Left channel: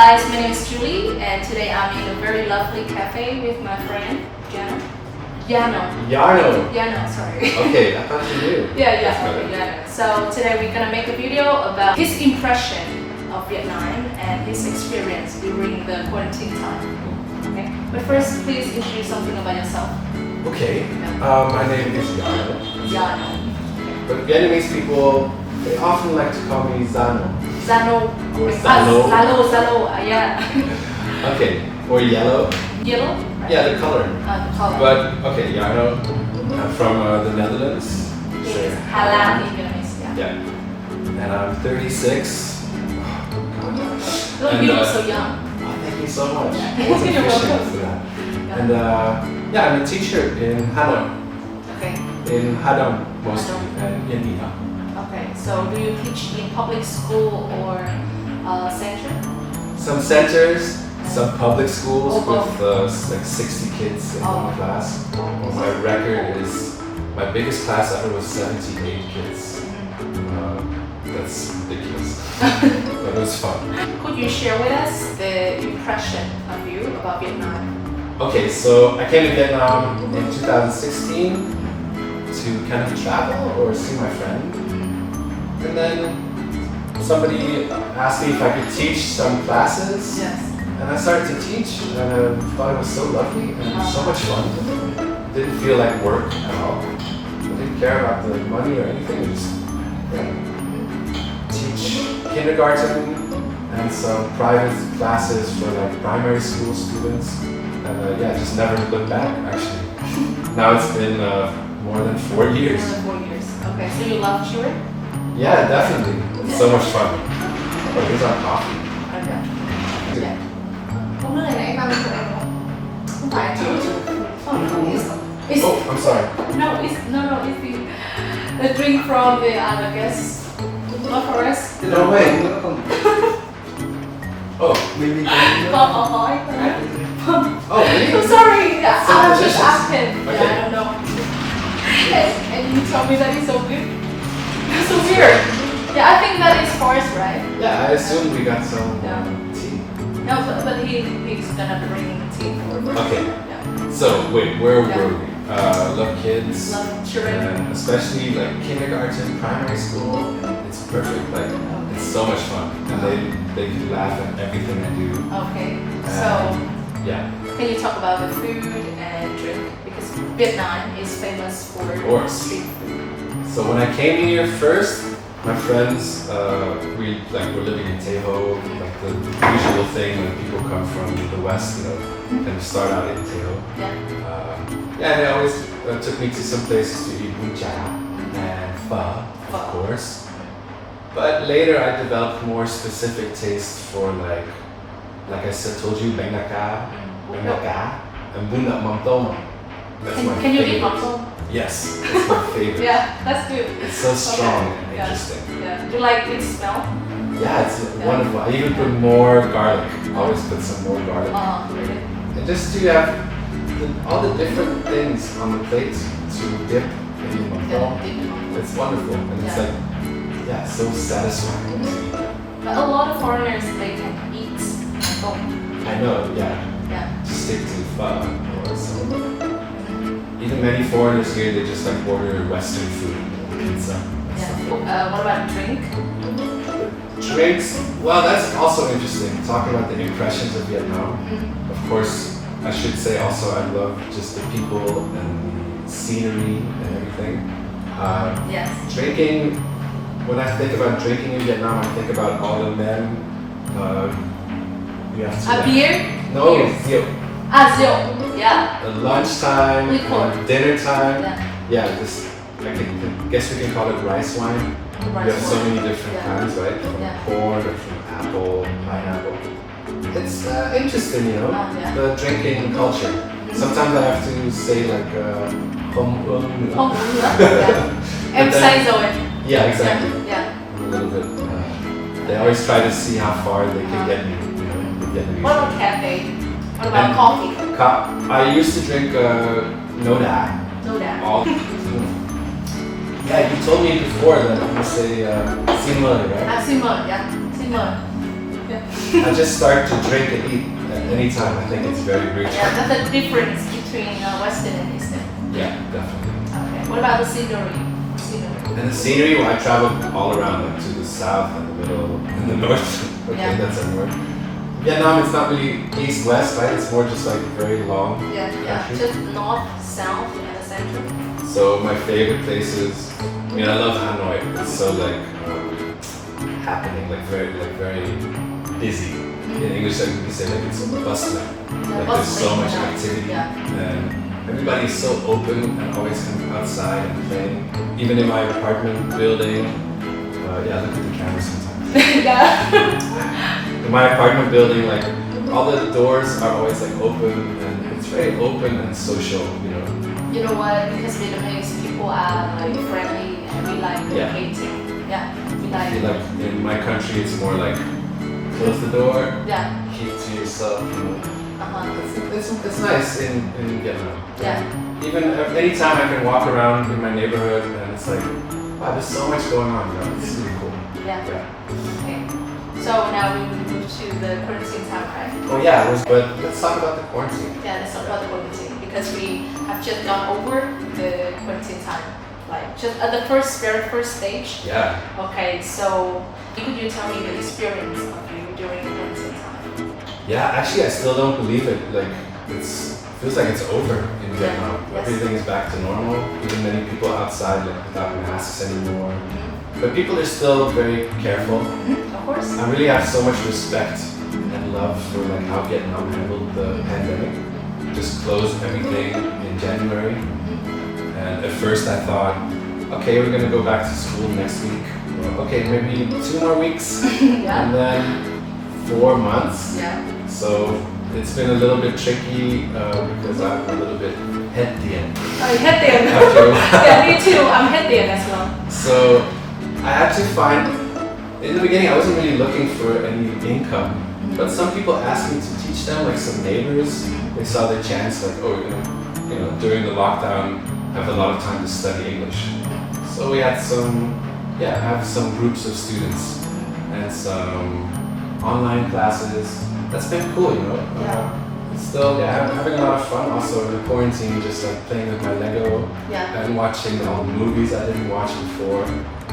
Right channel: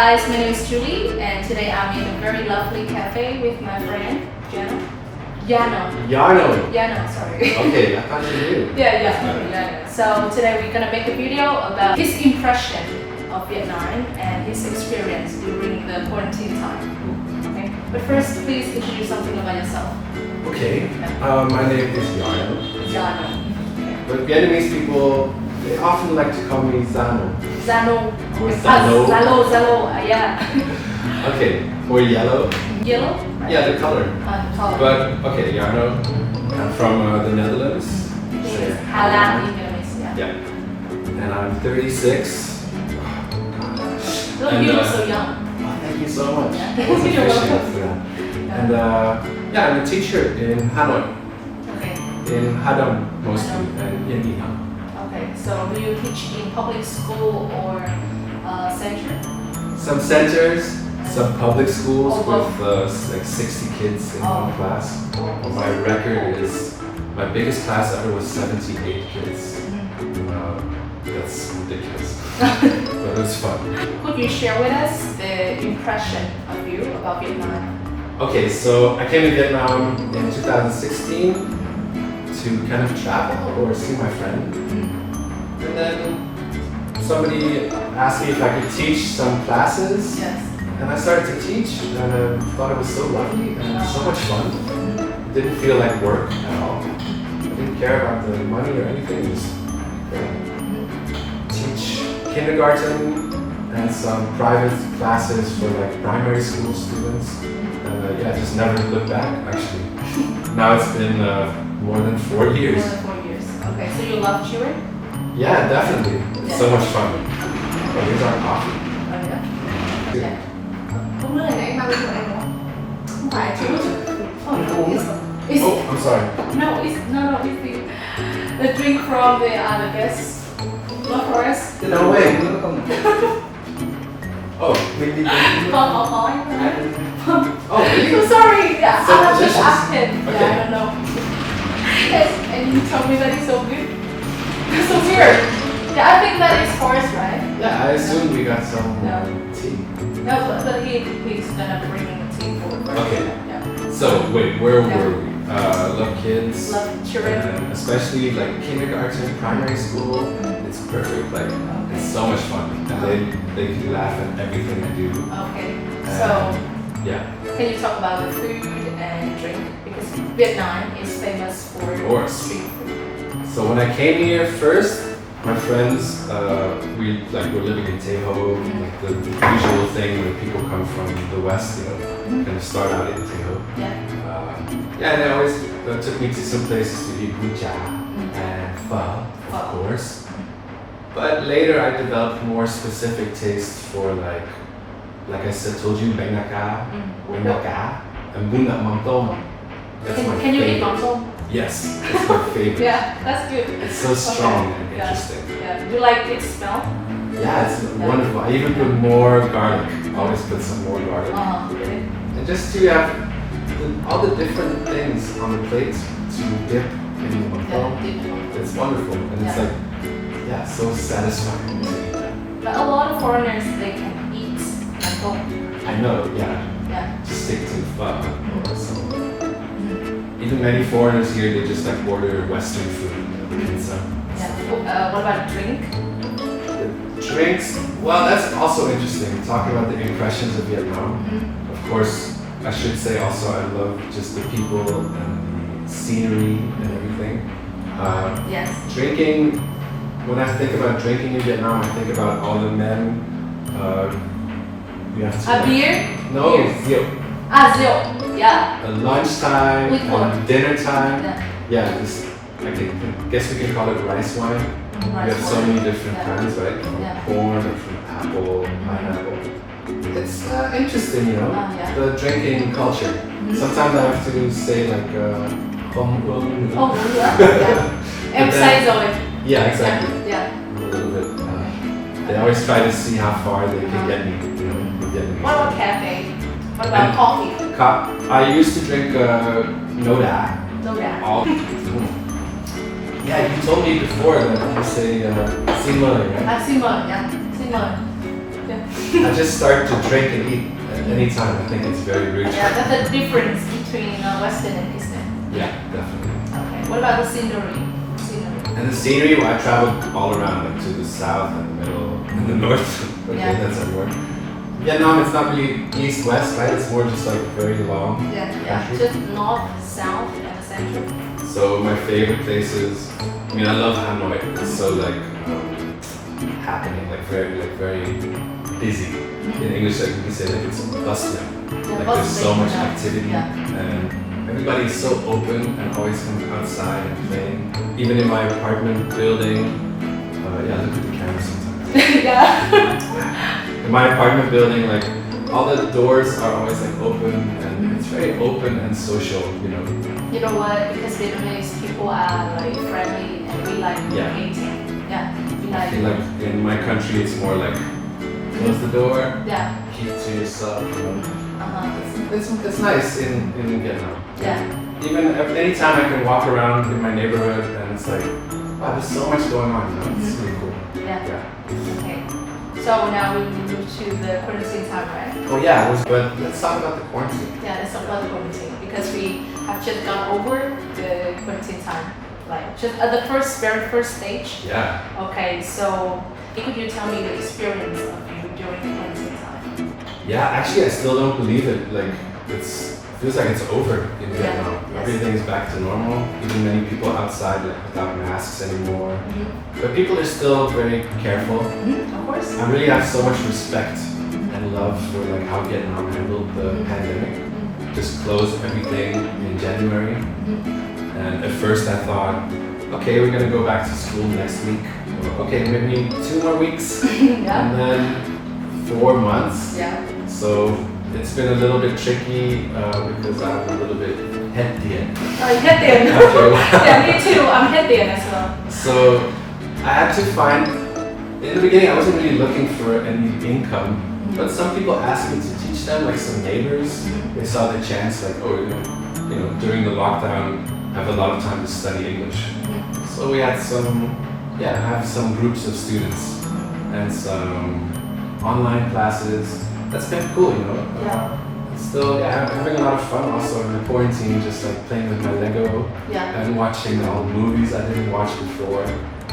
guys, my name is Julie and today I'm in a very lovely cafe with my friend Jarno, sorry. Okay, I thought you knew. Yeah, okay, Jarno. So today we're gonna make a video about his impression of Vietnam and his experience during the quarantine time. Okay, but first please introduce something about yourself. Okay, my name is Jarno. Jarno. But Vietnamese people, they often like to call me Jarno. Jarno. Or Jarno. Zalo, yeah. Okay, or yellow. Yellow? Right? Yeah, the color. The color. But, okay, Jarno, I'm from the Netherlands. Yes, Hà Lan in Vietnamese, yeah. Yeah. And I'm 36. Look, you look so young. Oh, thank you so much. Yeah. I wasn't You're fishing welcome. for that. And yeah, I'm a teacher in Hanoi. Okay. In Hadong mostly, and in Nha. Okay, so do you teach in public school or center? Some centers, some public schools Oh, with like 60 kids in one class. My record is, my biggest class ever was 78 kids. That's ridiculous, but it was fun. Could you share with us the impression of you about Vietnam? Okay, so I came to Vietnam in 2016 to kind of travel or see my friend. And then somebody asked me if I could teach some classes. Yes. And I started to teach and I thought it was so lovely and so much fun. It didn't feel like work at all. I didn't care about the money or anything. It was teach kindergarten and some private classes for like primary school students. And yeah, just never looked back actually. Now it's been more than 4 years. More than 4 years. Okay, so you love children? Yeah, definitely. It's so much fun. Oh, here's our coffee. Okay. Yeah. Uống nước này nãy bao nhiêu em không? Không phải chú chứ. It's, Oh, I'm sorry. No, it's the drink from the other guests. Not for us. No way. Oh, maybe. Oh, really? I'm sorry. Yeah, So I just delicious. asked him. Okay. Yeah, I don't know. Yes, and you told me that it's so good. It's so weird. Yeah, I think that is for us, right? Yeah, I assume we got some Yeah. tea. No, but he's gonna bring tea for. Okay. Yeah. So, wait, where Yeah. were we? Love kids. Love children. And especially like kindergarten, primary school. It's perfect. Like, it's so much fun. And they can laugh at everything I do. Okay. So, Yeah. can you talk about the food and drink? Because Vietnam is famous for course. street food. So when I came here first, my friends, we were living in Teho, like the usual thing when people come from the West, you know, and start out in Teho. Yeah. Yeah, they always took me to some places to eat bún chả and pho, of course. But later I developed more specific taste for like I said, told you, bánh đa cá, and bún đậu mắm tôm. That's my Can you favorite. eat mango? Yes, that's my favorite. Yeah, that's good. It's so strong and Yeah. interesting. Yeah. Do you like its smell? Yeah, it's wonderful. I even put more garlic. Always put some more garlic. Really? And just to have all the different things on the plate to dip in the mantong. It's wonderful. And it's like, yeah, so satisfying. But a lot of foreigners, they can eat mango. I know, yeah. Yeah. Just stick to pho or something. Even many foreigners here, they just order Western food. Pizza. Yeah. What about drink? Drinks, well, that's also interesting. Talking about the impressions of Vietnam. Of course, I should say also I love just the people and the scenery and everything. Yes. Drinking, when I think about drinking in Vietnam, I think about all the men. We have to. Beer? No, Beer. rượu. Rượu. Yeah. At lunchtime and dinner time. Yeah. This, guess we can call it rice wine. You have so many different kinds, right? From corn or from apple, pineapple. It's interesting, you know, the drinking culture. Sometimes I have to say không uống nữa. Không uống nữa. Em say rồi. Yeah, exactly. Yeah. A little bit. They always try to see how far they can get me, you know, the Vietnamese. What about cafe? What about coffee? I used to drink no da. No da. Yeah, you told me before that you say xin mời, right? Xin mời, yeah. Xin mời. Yeah. I just start to drink and eat at any time. I think it's very rude. Yeah, that's the difference between Western and Eastern. Yeah, definitely. Okay. What about the scenery? And the scenery, well, I traveled all around, like to the south and the middle and the north. Okay, Yeah. that's everywhere. Vietnam, it's not really east-west, right? It's more just like very long. Yeah, country. just north, south, and the center. So my favorite places, I mean, I love Hanoi. It's so like happening, like very busy. In English, like we say, like it's bustling. Like there's so much activity, and everybody is so open and always coming outside and playing. Even in my apartment building, yeah, look at the camera sometimes. Yeah. In my apartment building, like all the doors are always like open, and it's very open and social, you know. You know what? Because Vietnamese people are like friendly and we like creating. Yeah. We I feel like in my country, it's more like close the door, yeah. keep it to yourself. You know. Uh-huh. It's nice in Vietnam. Yeah. Even anytime I can walk around in my neighborhood and it's like, wow, there's so much going on. You know? It's really cool. Yeah. Okay. So now we move to the quarantine time, right? Oh yeah, but let's talk about the quarantine. Yeah, let's talk about the quarantine because we have just gone over the quarantine time, like just at the very first stage. Yeah. Okay, so could you tell me the experience of you during the quarantine time? Yeah, actually, I still don't believe it. Like, feels like it's over in Vietnam. Yes. Everything is back to normal. Even many people outside, like, without masks anymore. But people are still very careful. Of course. I really have so much respect and love for like how Vietnam handled the pandemic. Just closed everything in January. And at first I thought, okay, we're gonna go back to school next week. Or, okay, maybe 2 more weeks. Yeah. And then 4 months. Yeah. So it's been a little bit tricky because I'm a little bit head-dien. Oh, head-dien. Yeah, me too. I'm head-dien as well. So I had to find, in the beginning I wasn't really looking for any income, but some people asked me to teach them, like some neighbors. They saw their chance, like, oh, you know, during the lockdown, I have a lot of time to study English. So we had I have some groups of students and some online classes. That's been cool, you know. Yeah. Still, I'm having a lot of fun also in the quarantine, just like playing with my Lego and watching all the movies I didn't watch before.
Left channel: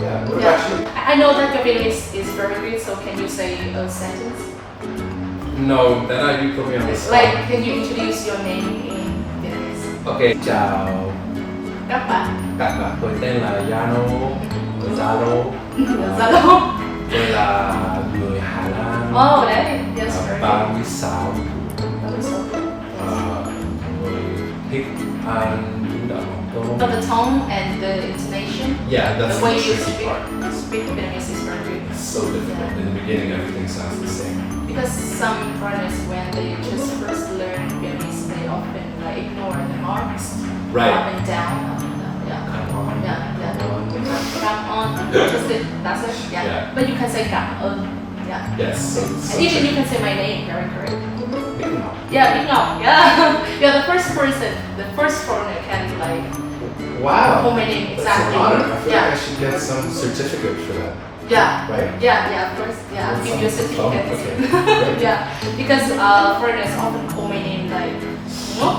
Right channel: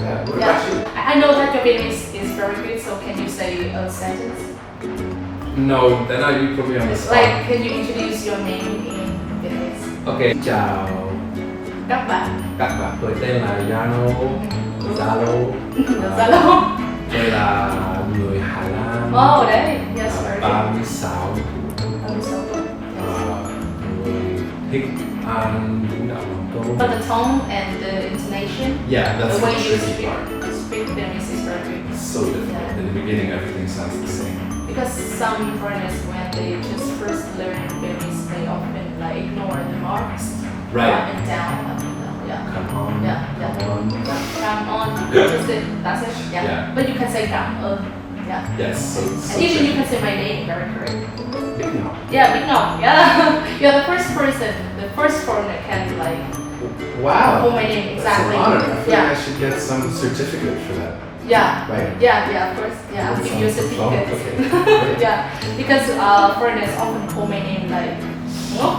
Yeah, what about you? I know that your Vietnamese is very good, so can you say a sentence? No, then you put me on the spot. Like, can you introduce your name in Vietnamese? Okay, chào Các bạn. tôi tên là Jarno, Zalo. Zalo. Tôi là người Hà Lan. Oh, đấy. Yes, very good. 36 người thích ăn bún đậu mắm tôm. But the tone and the intonation, Yeah, that's the the way you tricky part. speak Vietnamese is very good. It's so difficult. Yeah. In the beginning, everything sounds the same. Because some foreigners, when they just first learn Vietnamese, they often like ignore the marks. Right. Up and down. Yeah. Come on. Yeah. Come on. Come on. Just it. That's it. Yeah. Yeah. But you can say cảm ơn. Yeah. Yes. So And even you can say my name very correct. Big now. Yeah, Big Ngọc. Yeah. You're the first person, the first foreigner can like Wow. call my name That's exactly. an honor. I feel Yeah. like I should get some certificate for that. Yeah. Right? Yeah, of course. Yeah, I'll give you a certificate. Oh, okay. Great. Yeah, because foreigners often call my name like Ngọc,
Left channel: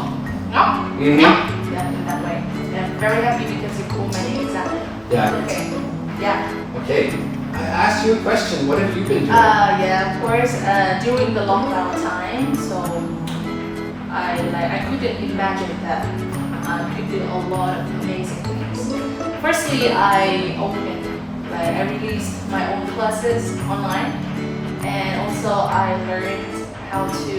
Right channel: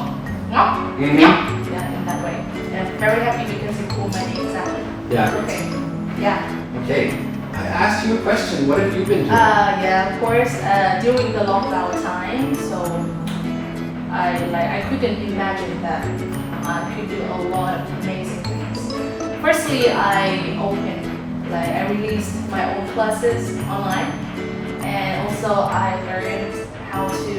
Ngọc, Mhm. Ngọc. Yeah, in that way. And I'm very happy because you call my name exactly. Yeah. Okay. Yeah. Okay. I asked you a question. What have you been doing? Yeah, of course. During the lockdown time, so I couldn't imagine that I could do a lot of amazing things. Firstly, I released my own classes online, and also I learned how to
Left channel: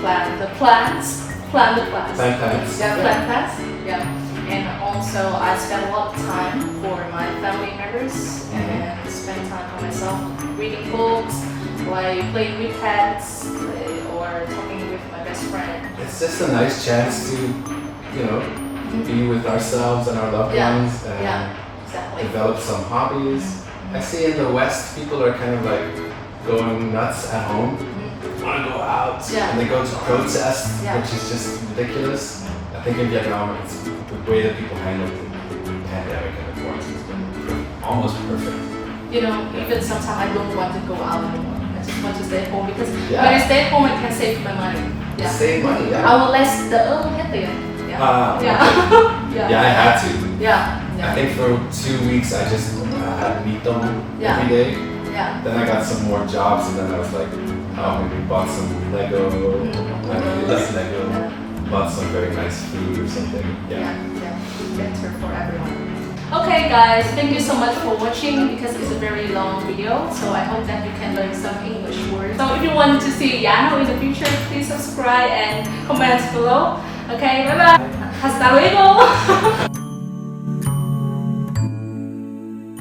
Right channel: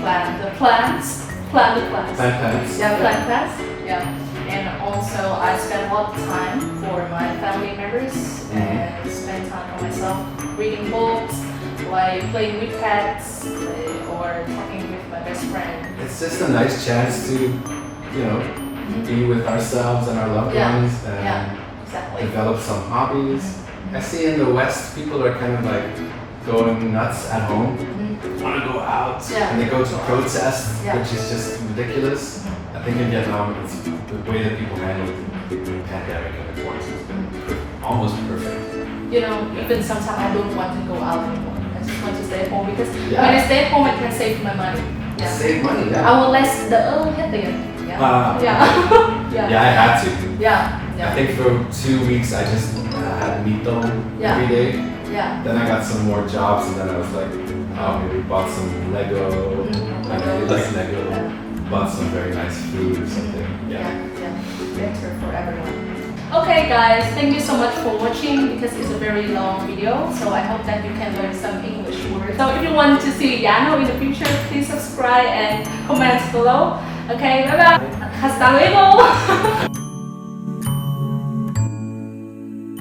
plan the plans. Plan plans. Yeah, plan plans. Yeah. And also I spent a lot of time for my family members and spend time for myself reading books, like playing with pets or talking with my best friend. It's just a nice chance to, you know, be with ourselves and our loved ones and exactly. develop some hobbies. I see in the West, people are kind of like going nuts at home, want to go out, and they go to protest, which is just ridiculous. I think in Vietnam, it's the way that people handle the pandemic and the quarantine has been almost perfect. You know, even sometimes I don't want to go out anymore. I just want to stay at home because Yeah. when I stay at home, I can save my money. Yeah. Save money, yeah. I will less đỡ hết tiền. Yeah. Ah, Yeah. Yeah. Yeah, I had to. Yeah. Yeah. I think for 2 weeks I just had mito Yeah. every day. Yeah. Then I got some more jobs and then I was like, maybe bought some Lego. I really like Lego. Yeah. Bought some very nice food or something. Yeah, Yeah. yeah, better for everyone. Okay guys, thank you so much for watching because it's a very long video. So I hope that you can learn some English words. So if you want to see Jarno in the future, please subscribe and comment below. Okay, bye bye. Hasta luego.